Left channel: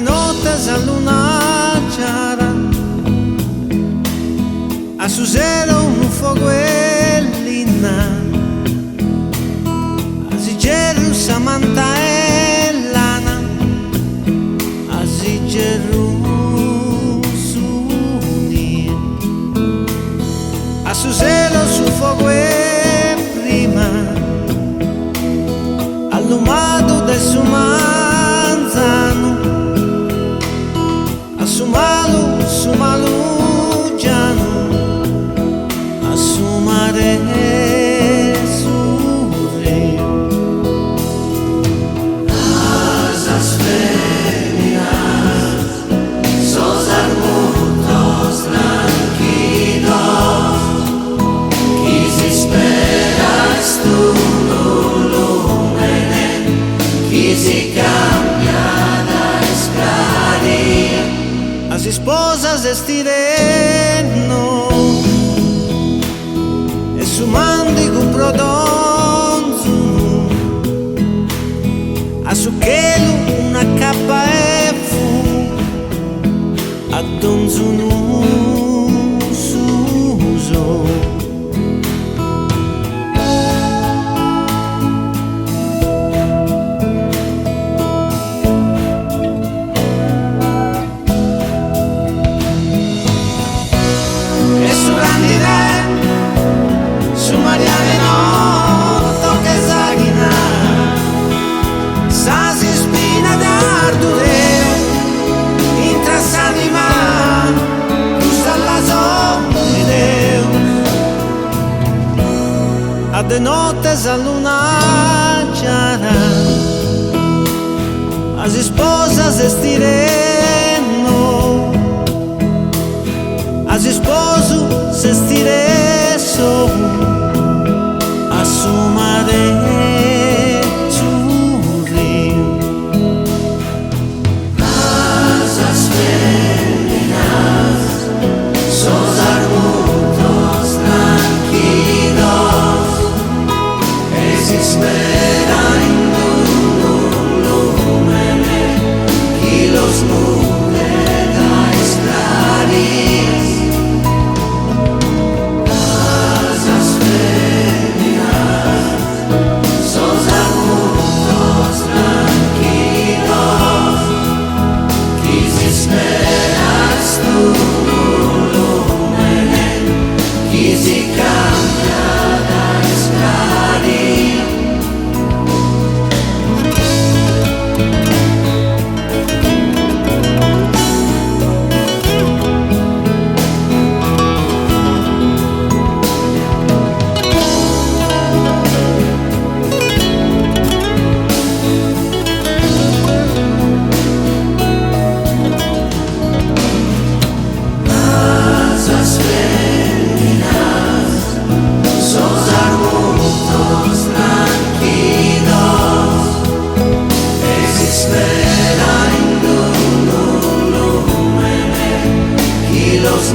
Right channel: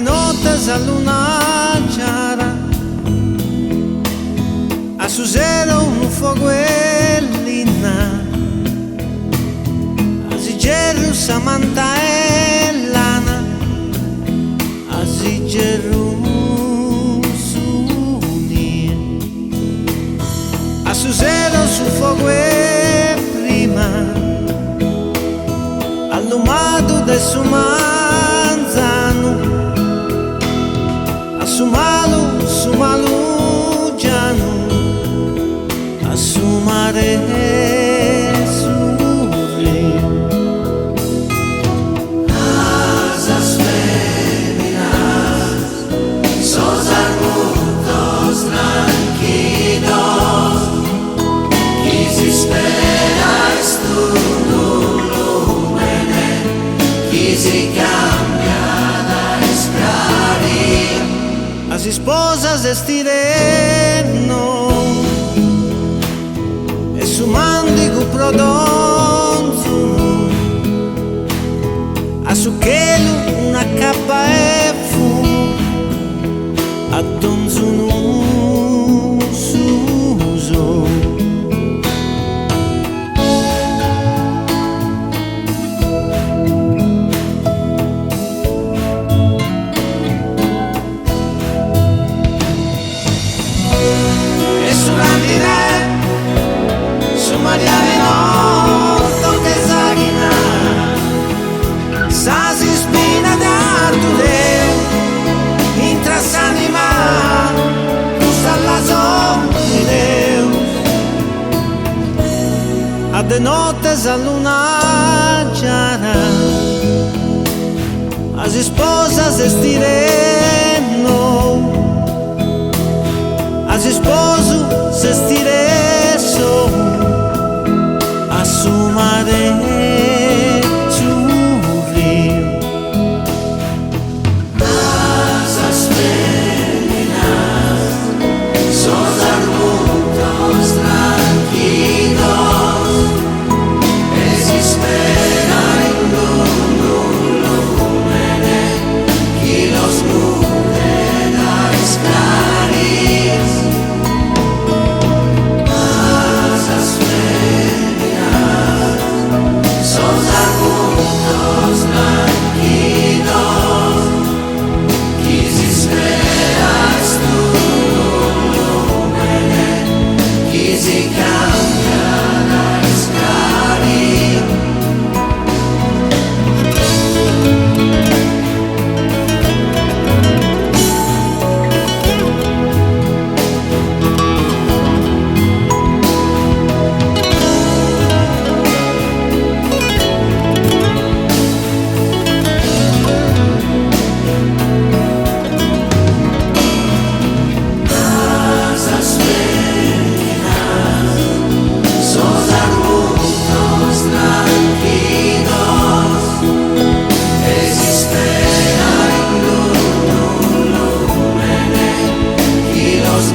de nottes a luna chiara, a su zero un foguellina, a Zigeru Samantha e Lana, a Zigeru Suni, a su zero su fogue prima, all'umado del suo manzano, a su malu giano, a su mare surri. Asas feminas, sos arbustos tranquilos, quis esperas tu lumene, quisi cambia da esclarir. As esposas estireno e su mandigo prodonzuno, a su chelu una cappa e fumo, a donzuno suso. Su Maria Venotto che zaghina, sa si spina d'ardureo, intra s'anima, gusta la de Deus. A de nottes a luna chiara, as esposas estireno, as esposo se stireso a su mare surri. Asas feminas, sos arbustos tranquilos, es espera en lumene, que los nude da esclarir. Los